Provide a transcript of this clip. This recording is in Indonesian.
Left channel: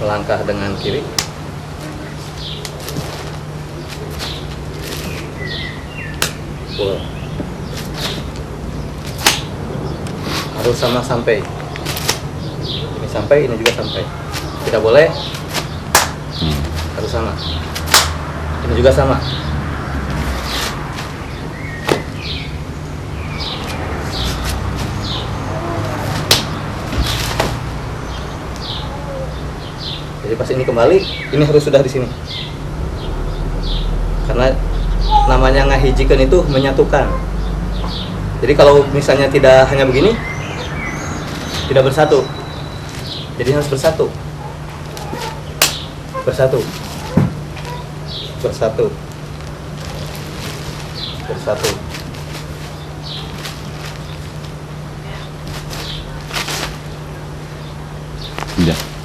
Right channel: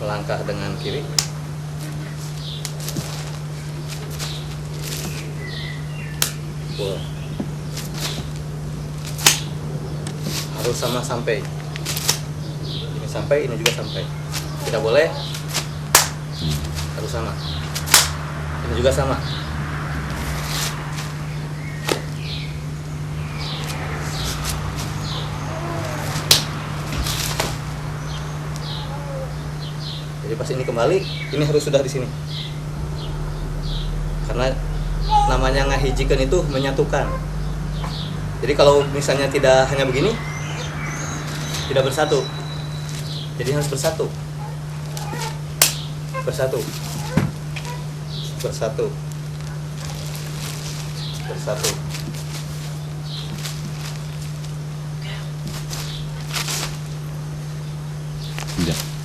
melangkah dengan kiri. Pull. Harus sama sampai. Ini sampai, ini juga sampai. Tidak boleh. Harus sama. Ini juga sama. Jadi pas ini kembali, ini harus sudah di sini. Karena namanya ngahijikan itu menyatukan. Jadi kalau misalnya tidak hanya begini, tidak bersatu. Jadi harus bersatu. Bersatu. Bersatu. Bersatu. Udah.